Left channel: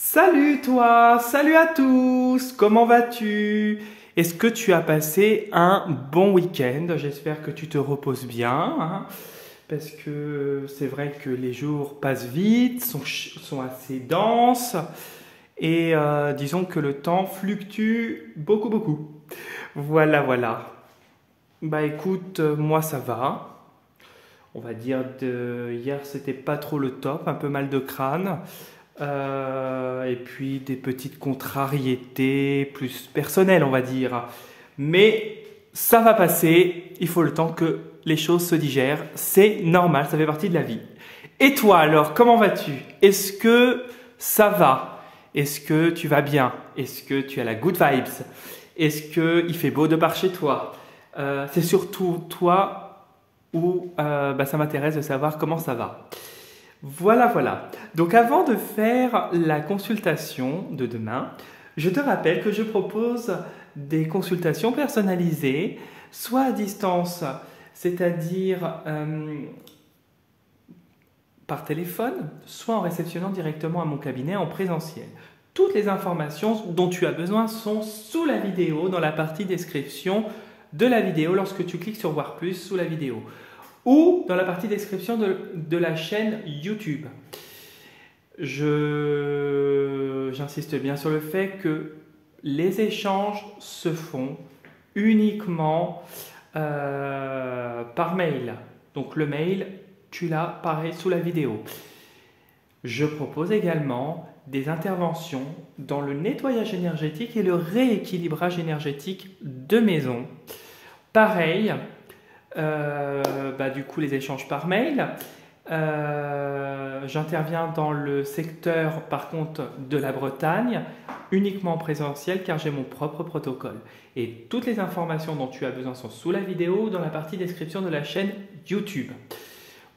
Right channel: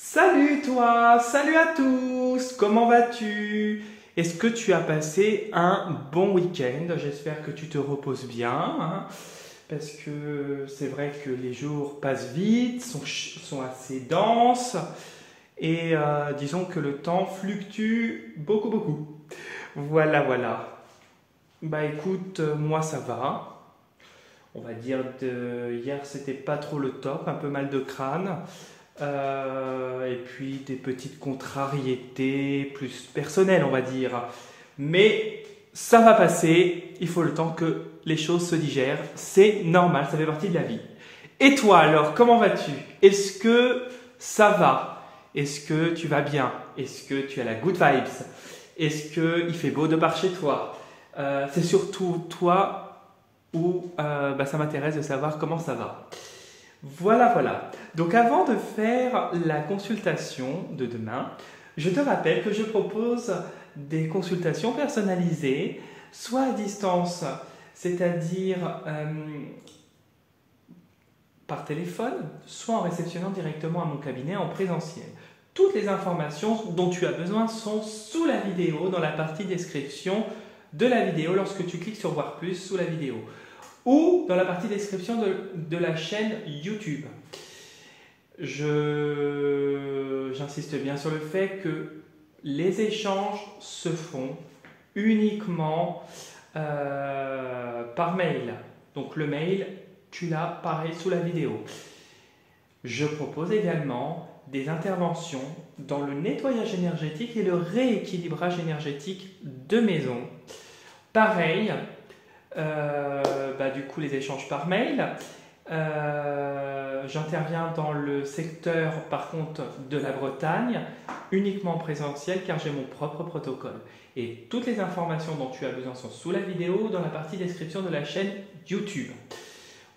Salut toi, salut à tous, comment vas-tu? Est-ce que tu as passé un bon week-end? J'espère que tu te reposes bien, hein, parce que c'est vrai que les jours passent vite, sont assez denses, et disons que le temps fluctue beaucoup, beaucoup. Voilà, voilà. Bah écoute, moi ça va. On va dire de hier c'était pas trop le top, un peu mal de crâne. Et puis des petites contrariétés plus personnelles, on va dire. Mais ça va passer, il faut le temps que les choses se digèrent. C'est normal, ça fait partie de la vie. Et toi alors, comment vas-tu? Est-ce que ça va? Est-ce que tu vas bien? Est-ce que tu as la good vibes? Est-ce qu'il fait beau de par chez toi? C'est surtout toi où ça m'intéresse de savoir comment ça va. Voilà, voilà. Donc avant de faire la consultation de demain, je te rappelle que je propose des consultations personnalisées, soit à distance, c'est-à-dire par téléphone, soit en réceptionnant directement à mon cabinet en présentiel. Toutes les informations dont tu as besoin sont sous la vidéo, dans la partie description de la vidéo, lorsque tu cliques sur Voir plus sous la vidéo, ou dans la partie description de la chaîne YouTube. J'insiste bien sur le fait que les échanges se font uniquement par mail. Donc le mail, tu l'as pareil sous la vidéo. Je propose également des interventions dans le nettoyage énergétique et le rééquilibrage énergétique de maison. Pareil, du coup les échanges par mail. J'interviens dans le secteur par contre de la Bretagne, uniquement en présentiel car j'ai mon propre protocole. Et toutes les informations dont tu as besoin sont sous la vidéo dans la partie description de la chaîne YouTube.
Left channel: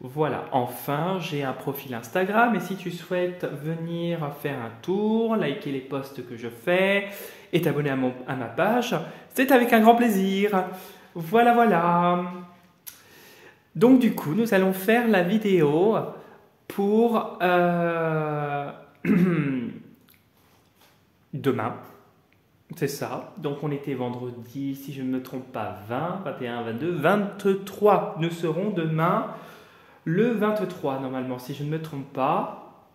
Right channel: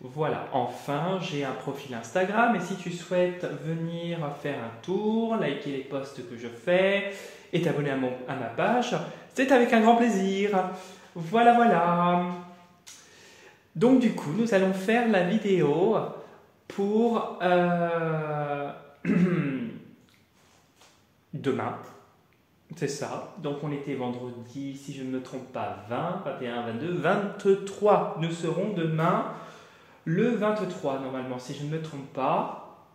Voilà, enfin j'ai un profil Instagram et si tu souhaites venir faire un tour, liker les posts que je fais et t'abonner à ma page, c'est avec un grand plaisir. Voilà, voilà. Donc du coup, nous allons faire la vidéo pour demain. C'est ça. Donc on était vendredi, si je ne me trompe pas, 20, 21, 22, 23. Nous serons demain le 23 normalement, si je ne me trompe pas.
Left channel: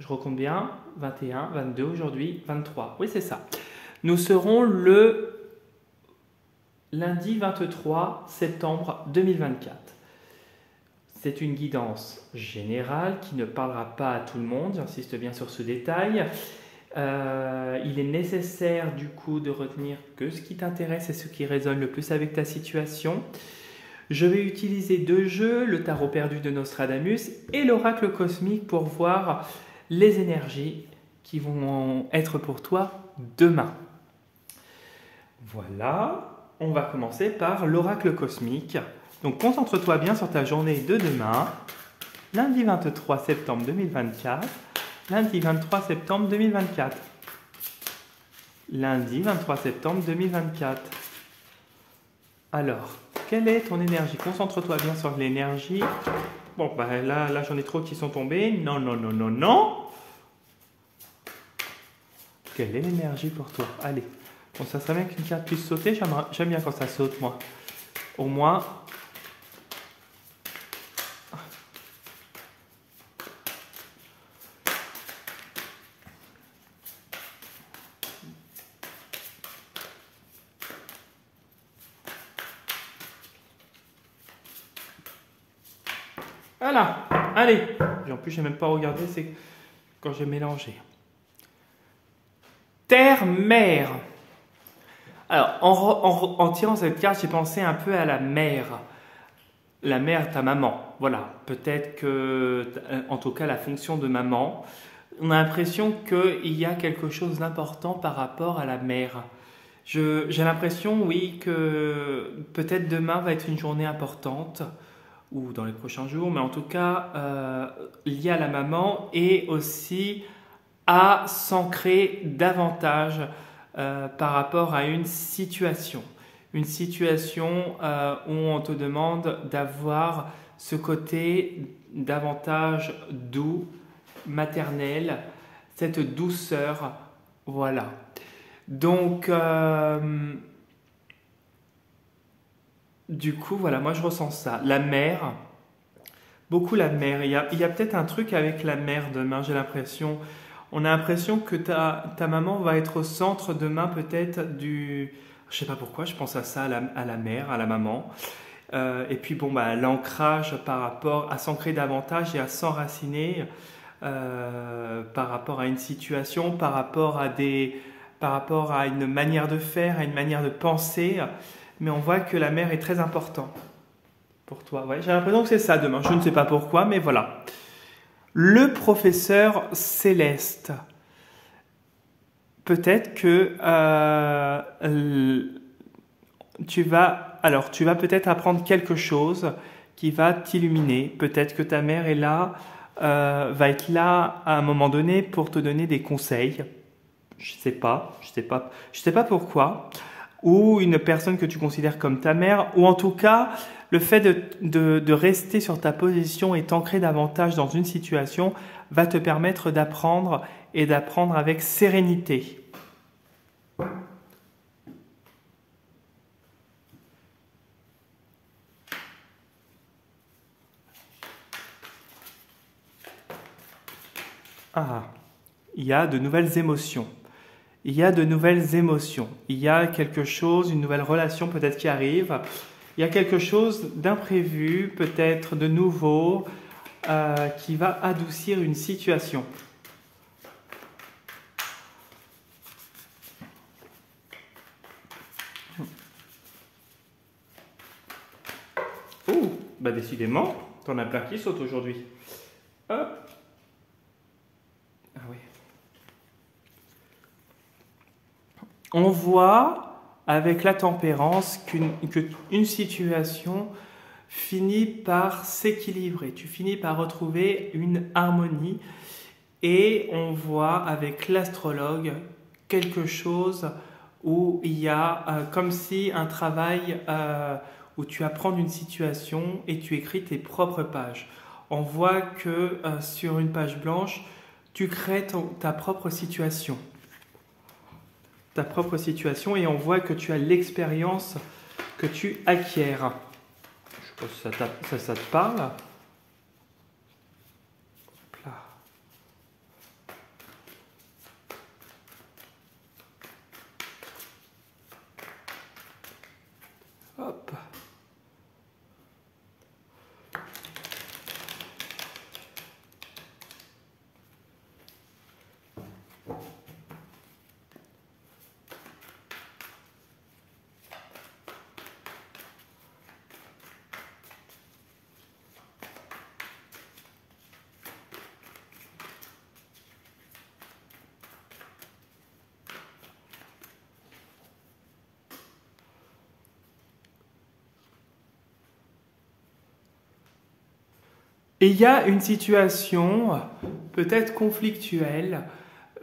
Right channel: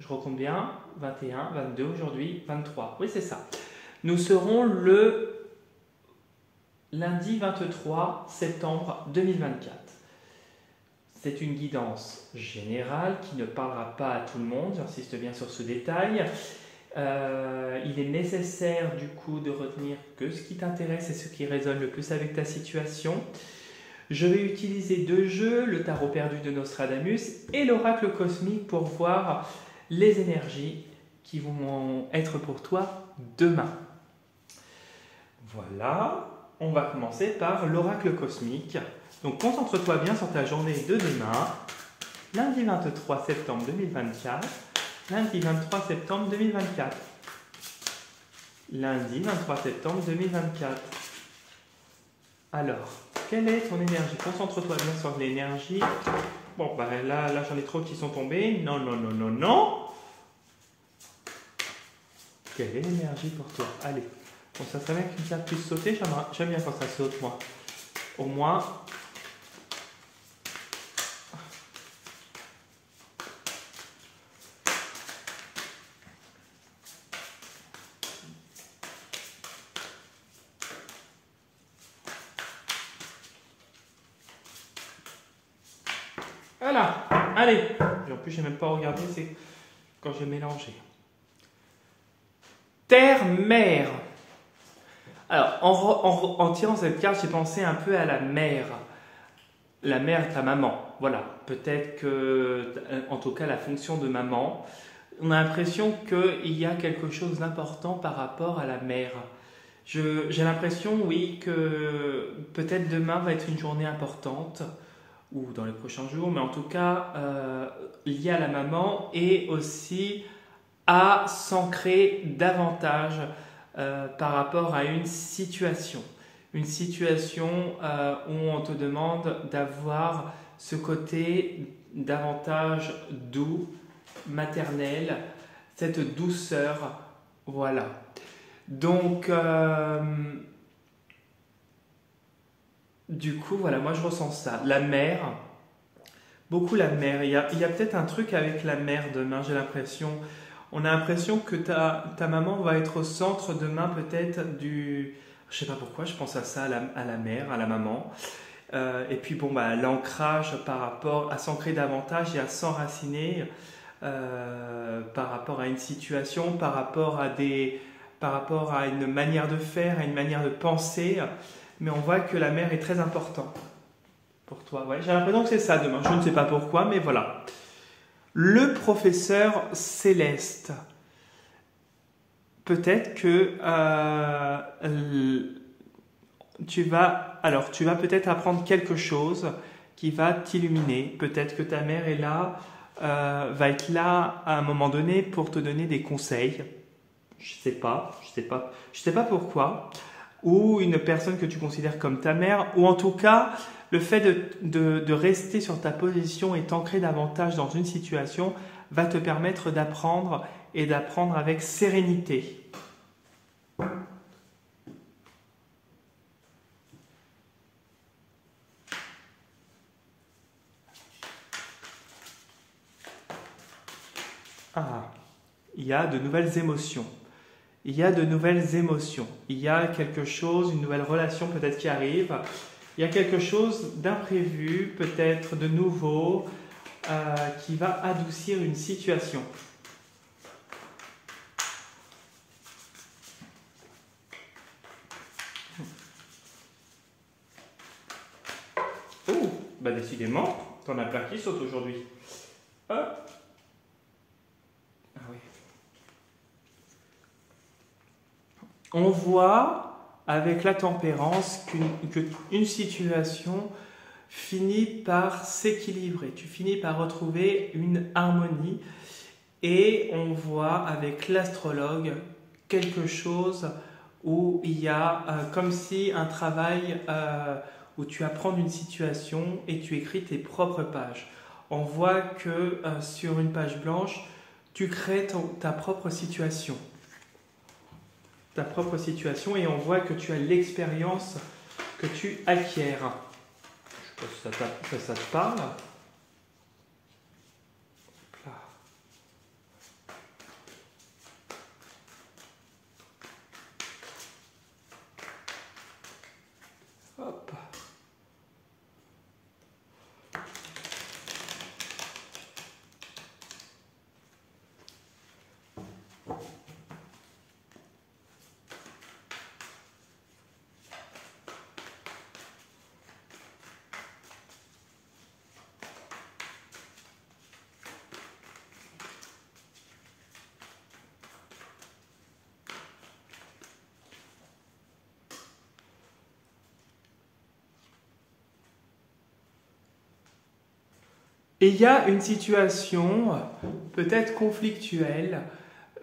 Je recompte bien. 21, 22 aujourd'hui, 23. Oui, c'est ça. Nous serons le lundi 23 septembre 2024. C'est une guidance générale qui ne parlera pas à tout le monde, j'insiste bien sur ce détail. Il est nécessaire du coup de retenir que ce qui t'intéresse et ce qui résonne le plus avec ta situation. Je vais utiliser deux jeux, le tarot perdu de Nostradamus et l'oracle cosmique pour voir les énergies qui vont être pour toi demain. Voilà, on va commencer par l'oracle cosmique. Donc concentre-toi bien sur ta journée de demain, lundi 23 septembre 2024, lundi 23 septembre 2024, lundi 23 septembre 2024. Alors, quelle est ton énergie? Concentre-toi bien sur l'énergie. Bon, là j'en ai trop qui sont tombés. Non, non, non, non, non. Quelle est l'énergie pour toi? Allez, bon, ça serait bien qu'une carte puisse sauter. J'aime bien quand ça saute, moi. Au moins... Voilà, allez. Et en plus, je n'ai même pas regardé, c'est quand j'ai mélangé. Terre-mer. Alors, en tirant cette carte, j'ai pensé un peu à la mère. La mère, ta maman. Voilà, peut-être que, en tout cas, la fonction de maman, on a l'impression qu'il y a quelque chose d'important par rapport à la mère. J'ai l'impression, oui, que peut-être demain va être une journée importante, ou dans les prochains jours, mais en tout cas lié à la maman et aussi à s'ancrer davantage par rapport à une situation. Une situation où on te demande d'avoir ce côté davantage doux, maternel, cette douceur, voilà. Donc, du coup, voilà, moi je ressens ça. La mère, beaucoup la mère. Il y a peut-être un truc avec la mère demain, j'ai l'impression. On a l'impression que ta maman va être au centre demain peut-être du... Je sais pas pourquoi, je pense à ça, à la mère, à la maman. Et puis bon, bah, l'ancrage par rapport à s'ancrer davantage et à s'enraciner par rapport à une situation, par rapport à une manière de faire, à une manière de penser. Mais on voit que la mère est très importante pour toi. Ouais, j'ai l'impression que c'est ça demain. Je ne sais pas pourquoi, mais voilà. Le professeur Céleste. Peut-être que tu vas peut-être apprendre quelque chose qui va t'illuminer. Peut-être que ta mère est là, va être là à un moment donné pour te donner des conseils. Je sais pas pourquoi. Ou une personne que tu considères comme ta mère, ou en tout cas, le fait de rester sur ta position et t'ancrer davantage dans une situation va te permettre d'apprendre et d'apprendre avec sérénité. Ah, il y a de nouvelles émotions. Il y a de nouvelles émotions. Il y a quelque chose, une nouvelle relation peut-être qui arrive. Il y a quelque chose d'imprévu, peut-être de nouveau, qui va adoucir une situation. Oh, bah décidément, t'en as plein qui sautent aujourd'hui. Hop. Ah oui. On voit avec la tempérance qu'une situation finit par s'équilibrer. Tu finis par retrouver une harmonie et on voit avec l'astrologue quelque chose où il y a comme si un travail où tu apprends une situation et tu écris tes propres pages. On voit que sur une page blanche, tu crées ta propre situation. Ta propre situation et on voit que tu as l'expérience que tu acquiers. Je sais pas si ça te parle. Hop là. Hop. Et il y a une situation peut-être conflictuelle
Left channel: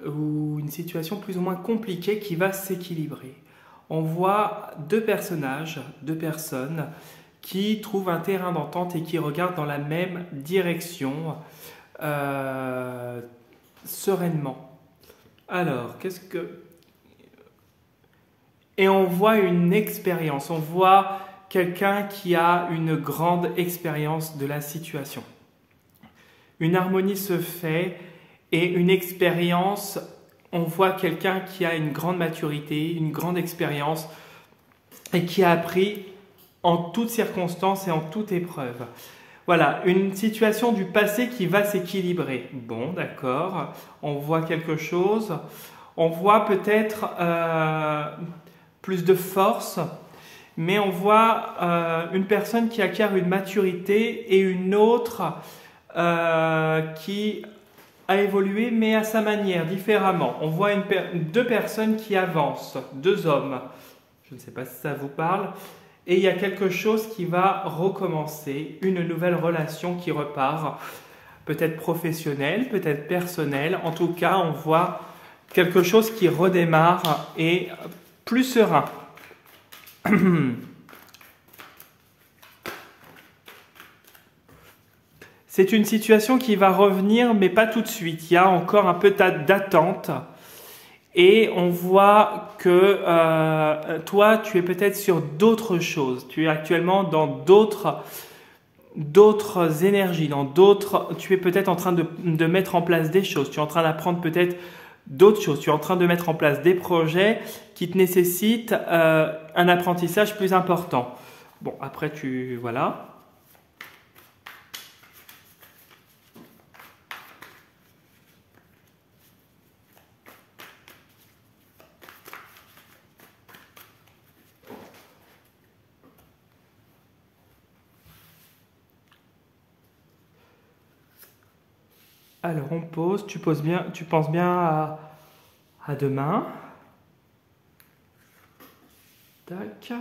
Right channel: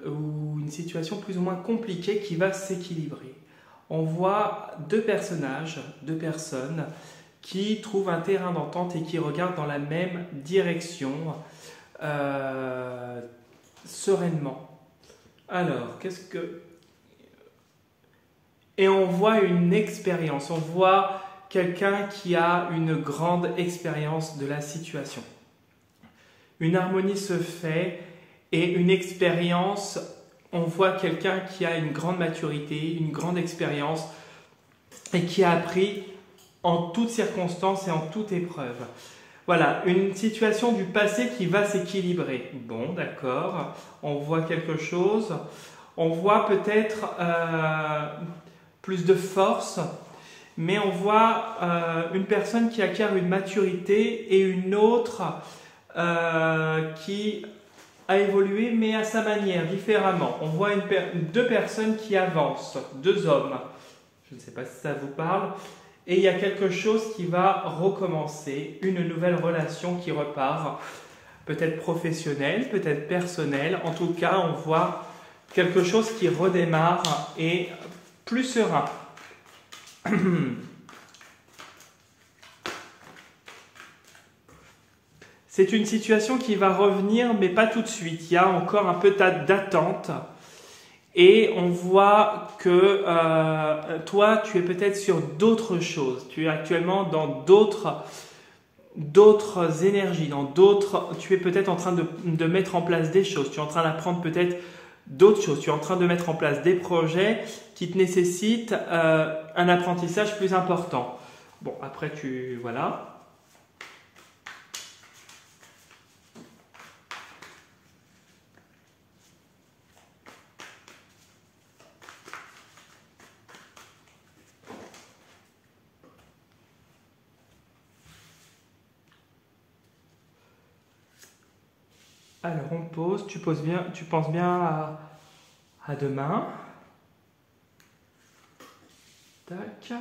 ou une situation plus ou moins compliquée qui va s'équilibrer. On voit deux personnages, deux personnes qui trouvent un terrain d'entente et qui regardent dans la même direction sereinement. Alors, qu'est-ce que... Et on voit une expérience, on voit quelqu'un qui a une grande expérience de la situation. Une harmonie se fait et une expérience, on voit quelqu'un qui a une grande maturité, une grande expérience et qui a appris en toutes circonstances et en toute épreuve. Voilà, une situation du passé qui va s'équilibrer. Bon, d'accord, on voit quelque chose, on voit peut-être plus de force, mais on voit une personne qui acquiert une maturité et une autre qui a évolué, mais à sa manière, différemment. On voit deux personnes qui avancent, deux hommes. Je ne sais pas si ça vous parle. Et il y a quelque chose qui va recommencer, une nouvelle relation qui repart, peut-être professionnelle, peut-être personnelle. En tout cas, on voit quelque chose qui redémarre et plus serein. C'est une situation qui va revenir, mais pas tout de suite. Il y a encore un peu d'attente. Et on voit que toi, tu es peut-être sur d'autres choses. Tu es actuellement dans d'autres énergies, tu es peut-être en train de mettre en place des choses. Tu es en train d'apprendre peut-être d'autres choses. Tu es en train de mettre en place des projets qui te nécessitent un apprentissage plus important. Bon, après, voilà. Alors, on pose, tu penses bien à demain. Tac.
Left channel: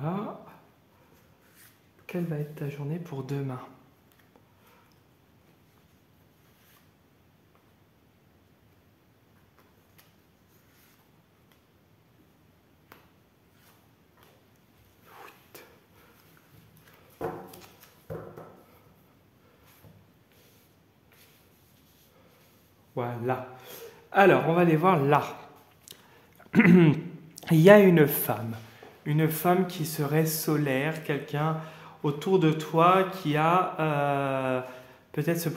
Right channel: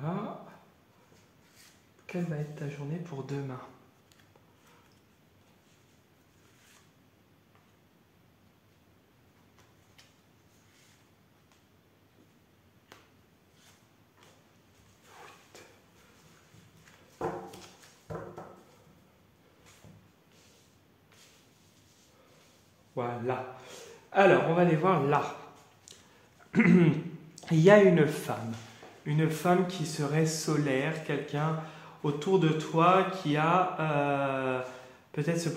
Voilà. Quelle va être ta journée pour demain? Voilà. Alors, on va aller voir là. Il y a une femme qui serait solaire, quelqu'un autour de toi qui a peut-être ce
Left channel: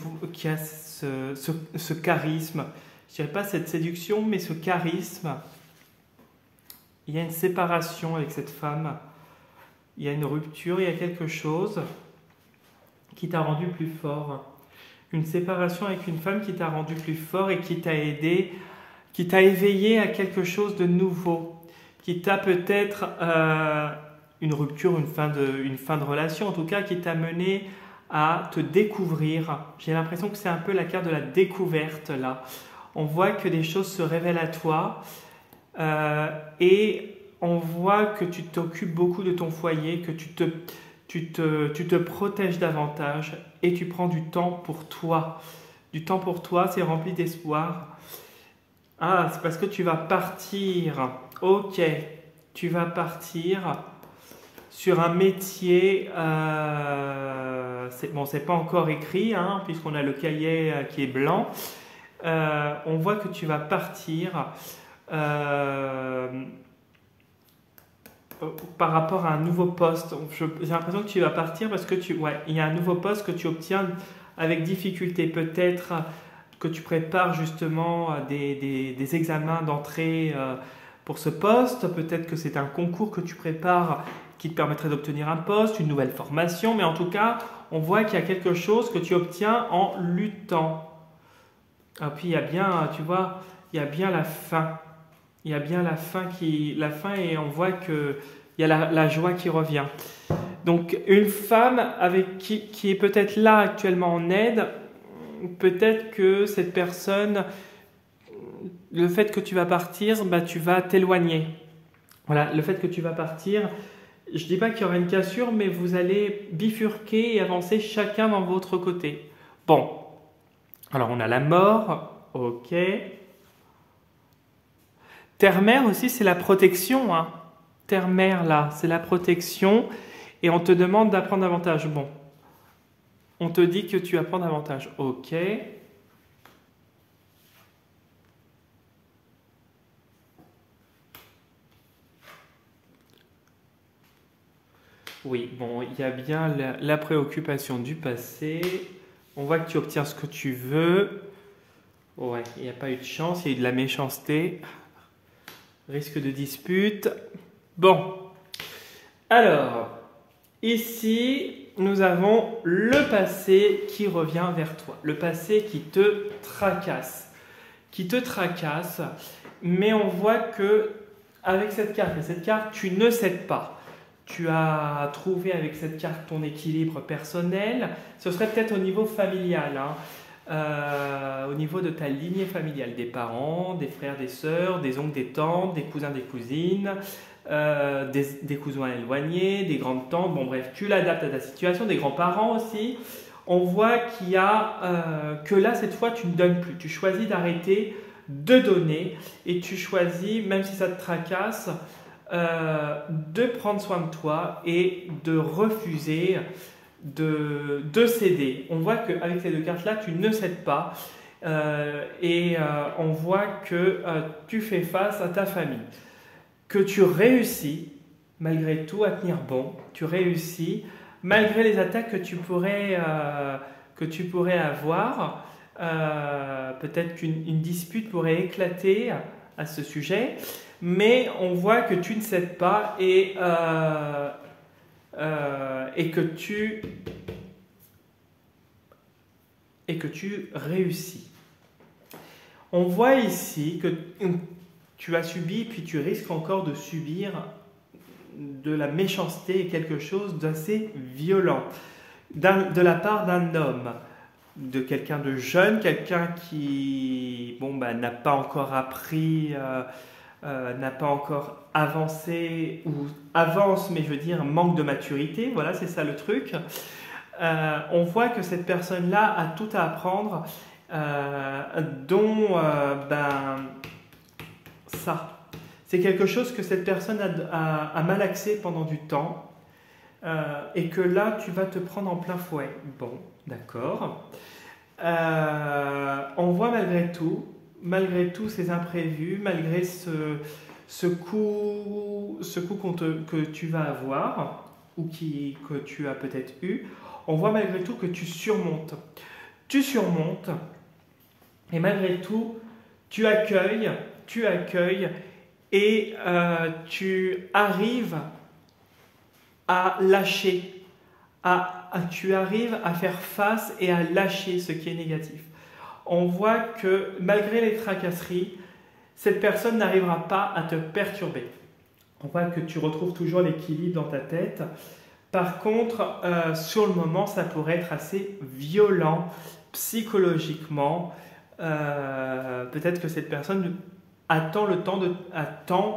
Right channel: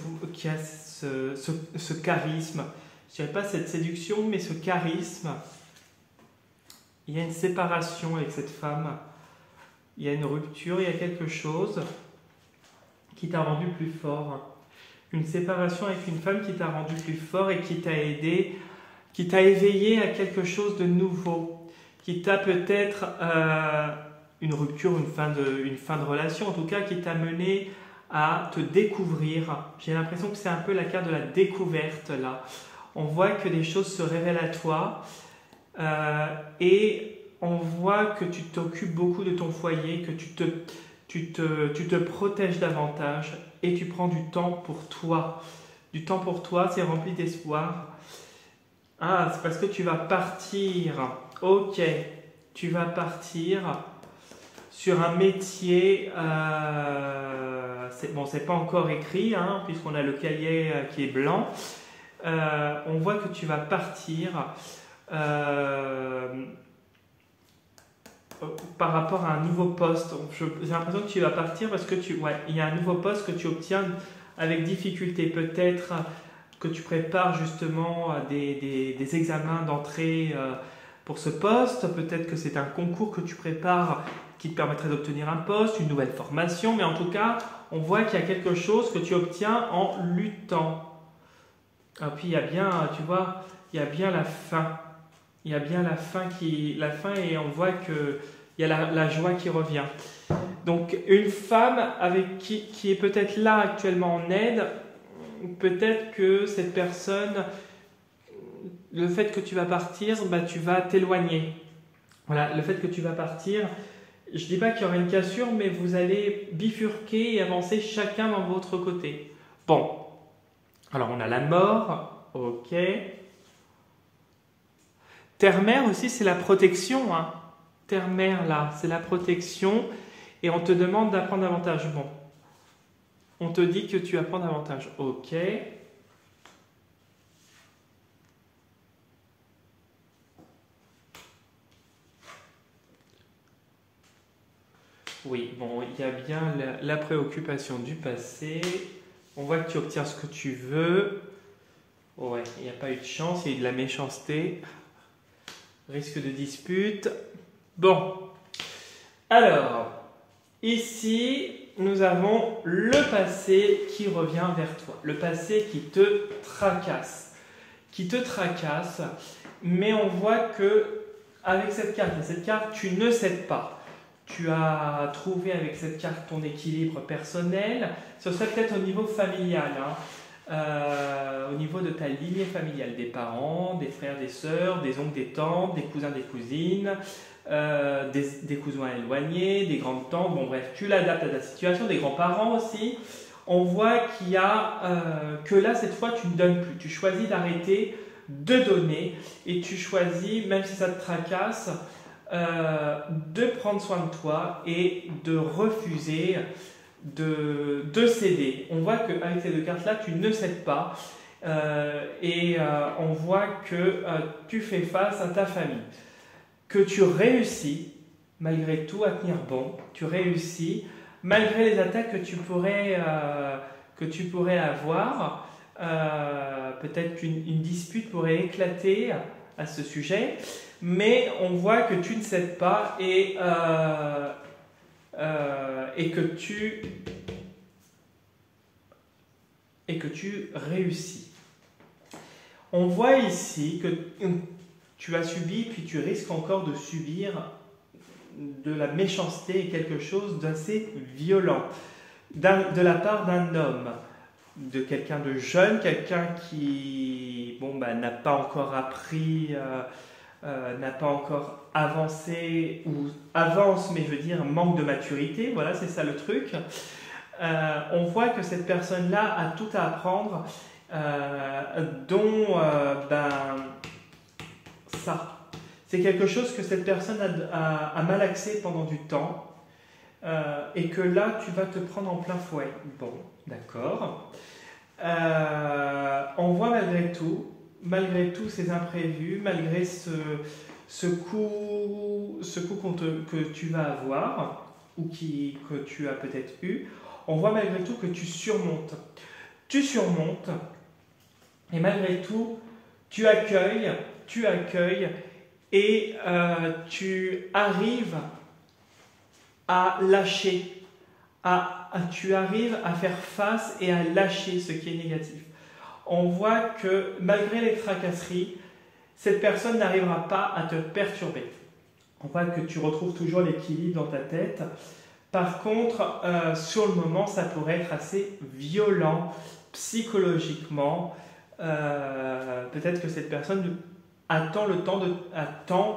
charisme. Je dirais pas cette séduction, mais ce charisme. Il y a une séparation avec cette femme. Il y a une rupture, il y a quelque chose qui t'a rendu plus fort. Une séparation avec une femme qui t'a rendu plus fort et qui t'a aidé, qui t'a éveillé à quelque chose de nouveau, qui t'a peut-être une rupture, une fin de relation, en tout cas qui t'a mené à te découvrir. J'ai l'impression que c'est un peu la carte de la découverte là. On voit que des choses se révèlent à toi et on voit que tu t'occupes beaucoup de ton foyer, que tu te protèges davantage et tu prends du temps pour toi. Du temps pour toi, c'est rempli d'espoir. Ah, c'est parce que tu vas partir. Ok, tu vas partir sur un métier. C'est pas encore écrit, hein, puisqu'on a le cahier qui est blanc. On voit que tu vas partir par rapport à un nouveau poste. J'ai l'impression que tu vas partir parce que il y a un nouveau poste que tu obtiens avec difficulté. Peut-être que tu prépares justement des examens d'entrée pour ce poste. Peut-être que c'est un concours que tu prépares qui te permettrait d'obtenir un poste, une nouvelle formation. Mais en tout cas, on voit qu'il y a quelque chose que tu obtiens en luttant. Et puis il y a bien, tu vois, il y a bien la fin. Il y a bien la fin et on voit que il y a la joie qui revient. Donc une femme avec qui est peut-être là actuellement en aide, peut-être que cette personne, le fait que tu vas partir, tu vas t'éloigner. Voilà, le fait que tu vas partir, je ne dis pas qu'il y aura une cassure, mais vous allez bifurquer et avancer chacun dans votre côté. Bon, alors on a la mort, ok. Terre-mère aussi, c'est la protection. Hein. Terre-mère, là, c'est la protection. Et on te demande d'apprendre davantage. Bon. On te dit que tu apprends davantage. Ok. Oui, bon, il y a bien la préoccupation du passé. On voit que tu obtiens ce que tu veux. Ouais, il n'y a pas eu de chance, il y a eu de la méchanceté. Risque de dispute. Bon. Alors, ici, nous avons le passé qui revient vers toi. Le passé qui te tracasse. Mais on voit que avec cette carte, tu ne cèdes pas. Tu as trouvé avec cette carte ton équilibre personnel. Ce serait peut-être au niveau familial, hein. Au niveau de ta lignée familiale, des parents, des frères, des sœurs, des oncles, des tantes, des cousins, des cousines, des cousins éloignés, des grandes tantes, bon bref, tu l'adaptes à ta situation, des grands-parents aussi. On voit qu'il y a que là, cette fois, tu ne donnes plus. Tu choisis d'arrêter de donner et tu choisis, même si ça te tracasse, de prendre soin de toi et de refuser de céder. On voit qu'avec ces deux cartes-là, tu ne cèdes pas on voit que tu fais face à ta famille, que tu réussis malgré tout à tenir bon, tu réussis malgré les attaques que tu pourrais avoir. Peut-être qu'une dispute pourrait éclater à ce sujet, mais on voit que tu ne cèdes pas et que tu réussis. On voit ici que tu as subi, puis tu risques encore de subir de la méchanceté et quelque chose d'assez violent de la part d'un homme, de quelqu'un de jeune, quelqu'un qui n'a pas encore appris, n'a pas encore avancé ou avance, mais je veux dire manque de maturité. Voilà, c'est ça le truc. On voit que cette personne-là a tout à apprendre, ça. C'est quelque chose que cette personne a malaxé pendant du temps et que là, tu vas te prendre en plein fouet. Bon, d'accord. On voit malgré tout ces imprévus, malgré ce coup que tu vas avoir ou que tu as peut-être eu, on voit malgré tout que tu surmontes. Tu surmontes et malgré tout, tu accueilles et tu arrives à lâcher, tu arrives à faire face et à lâcher ce qui est négatif. On voit que malgré les tracasseries, cette personne n'arrivera pas à te perturber. On voit que tu retrouves toujours l'équilibre dans ta tête. Par contre, sur le moment, ça pourrait être assez violent psychologiquement. Peut-être que cette personne attend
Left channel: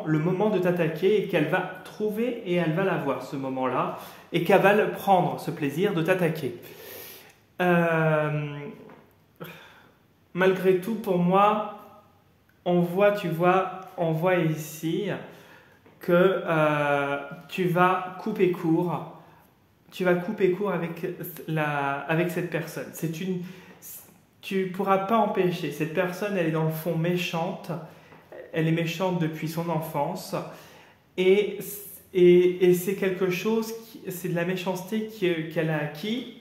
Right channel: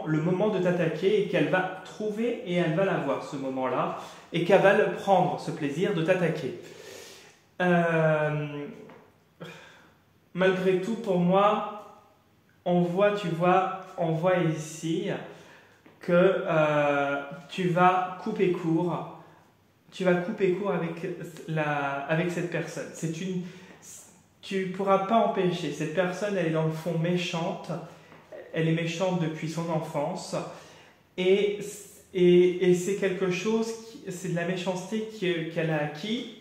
le moment de t'attaquer et qu'elle va trouver et elle va l'avoir ce moment-là et qu'elle va le prendre, ce plaisir de t'attaquer. Malgré tout, pour moi, on voit ici que tu vas couper court. Tu vas couper court avec cette personne. Tu ne pourras pas empêcher. Cette personne, elle est dans le fond méchante. Elle est méchante depuis son enfance. Et c'est quelque chose, c'est de la méchanceté qu'elle a acquis,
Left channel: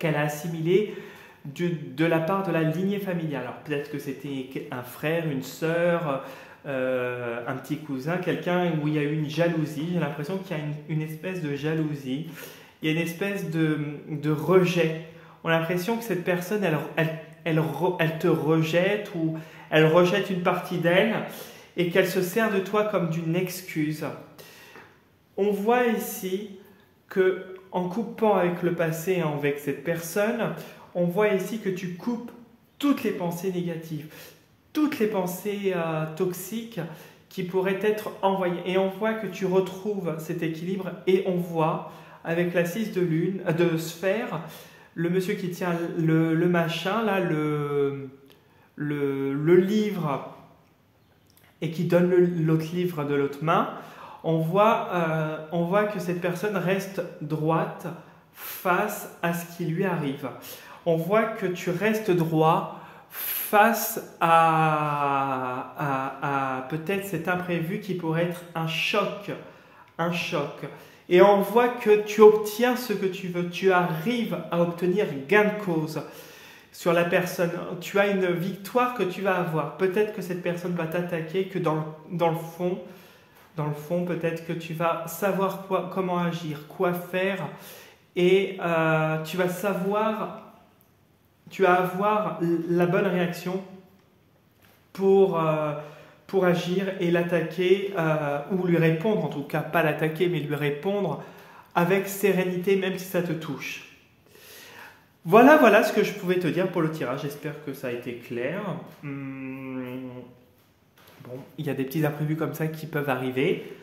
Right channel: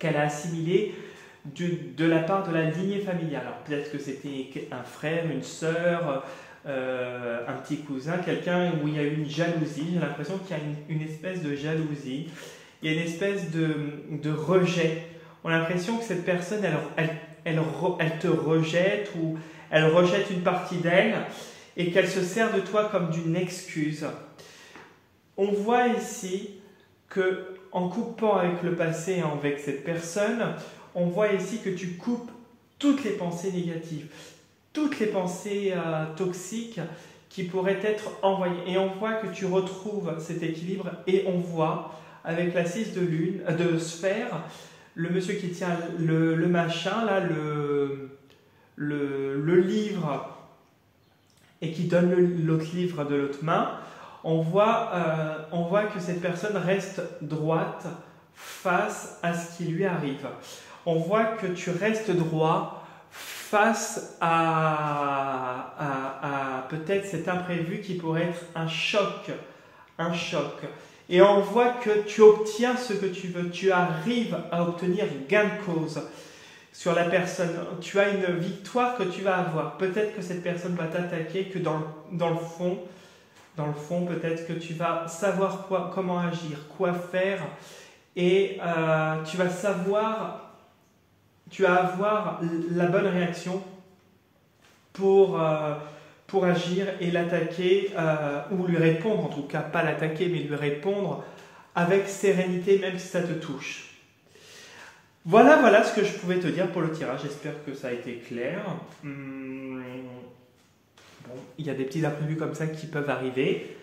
qu'elle a assimilée de la part de la lignée familiale. Alors peut-être que c'était un frère, une sœur, un petit cousin, quelqu'un où il y a eu une jalousie. J'ai l'impression qu'il y a une espèce de jalousie. Il y a une espèce de rejet. On a l'impression que cette personne, elle te rejette ou elle rejette une partie d'elle et qu'elle se sert de toi comme d'une excuse. On voit ici que en coupant avec le passé et avec cette personne, on voit ici que tu coupes toutes les pensées négatives, toutes les pensées toxiques qui pourraient être envoyées. Et on voit que tu retrouves cet équilibre et on voit avec la 6 de sphère, le monsieur qui tient le machin, là, le livre et qui donne l'autre livre de l'autre main, on voit que cette personne reste droite face à ce qui lui arrive. On voit que tu restes droit face à peut-être cet imprévu qui pourrait être un choc. Et on voit que tu obtiens ce que tu veux, tu arrives à obtenir gain de cause sur la personne. Tu as une victoire que tu vas avoir. Peut-être que cette personne va t'attaquer, que dans le fond, peut-être que tu vas savoir comment agir, quoi faire, et tu vas avoir la bonne réaction pour agir et l'attaquer, ou lui répondre, en tout cas pas l'attaquer, mais lui répondre avec sérénité, même si ça te touche. Voilà ce que je pouvais te dire pour le tirage. J'espère que ça a été clair. Il y a des petits imprévus comme ça qui peuvent arriver.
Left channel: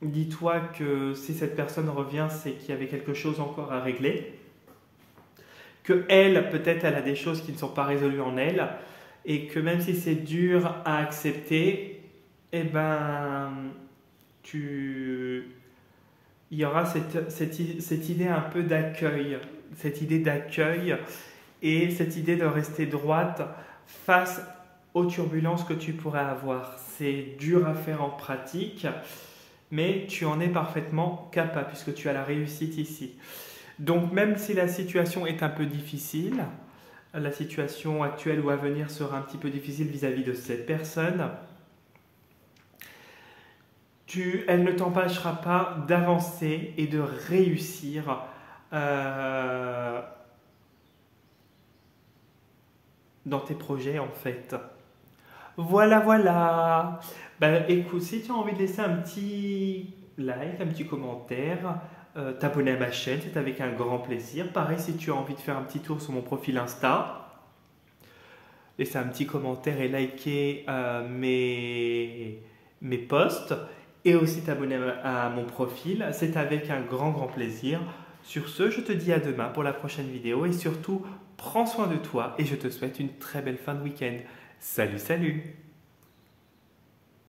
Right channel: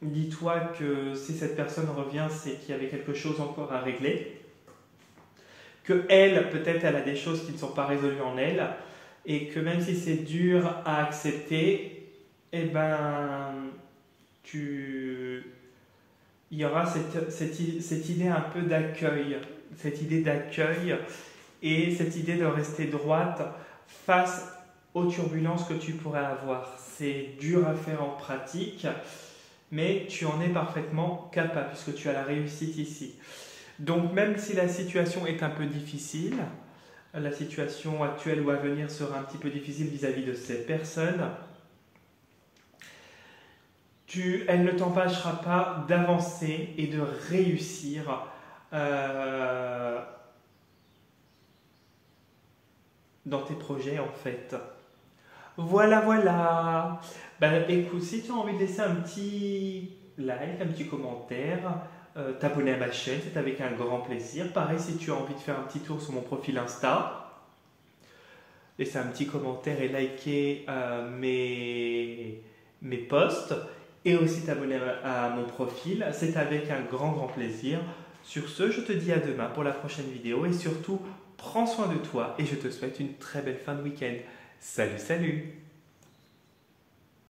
Dis-toi que si cette personne revient, c'est qu'il y avait quelque chose encore à régler. Que elle, peut-être, elle a des choses qui ne sont pas résolues en elle. Et que même si c'est dur à accepter, eh ben, tu, il y aura cette idée un peu d'accueil, cette idée d'accueil et cette idée de rester droite face aux turbulences que tu pourrais avoir. C'est dur à faire en pratique, mais tu en es parfaitement capable puisque tu as la réussite ici. Donc même si la situation est un peu difficile, la situation actuelle ou à venir sera un petit peu difficile vis-à-vis de ces personnes, elle ne t'empêchera pas d'avancer et de réussir euh, dans tes projets en fait. Voilà, voilà. Ben, écoute, si tu as envie de laisser un petit like, un petit commentaire, t'abonner à ma chaîne, c'est avec un grand plaisir. Pareil, si tu as envie de faire un petit tour sur mon profil Insta, laisser un petit commentaire et liker mes posts et aussi t'abonner à mon profil, c'est avec un grand, grand plaisir. Sur ce, je te dis à demain pour la prochaine vidéo et surtout, prends soin de toi et je te souhaite une très belle fin de week-end. Salut, salut!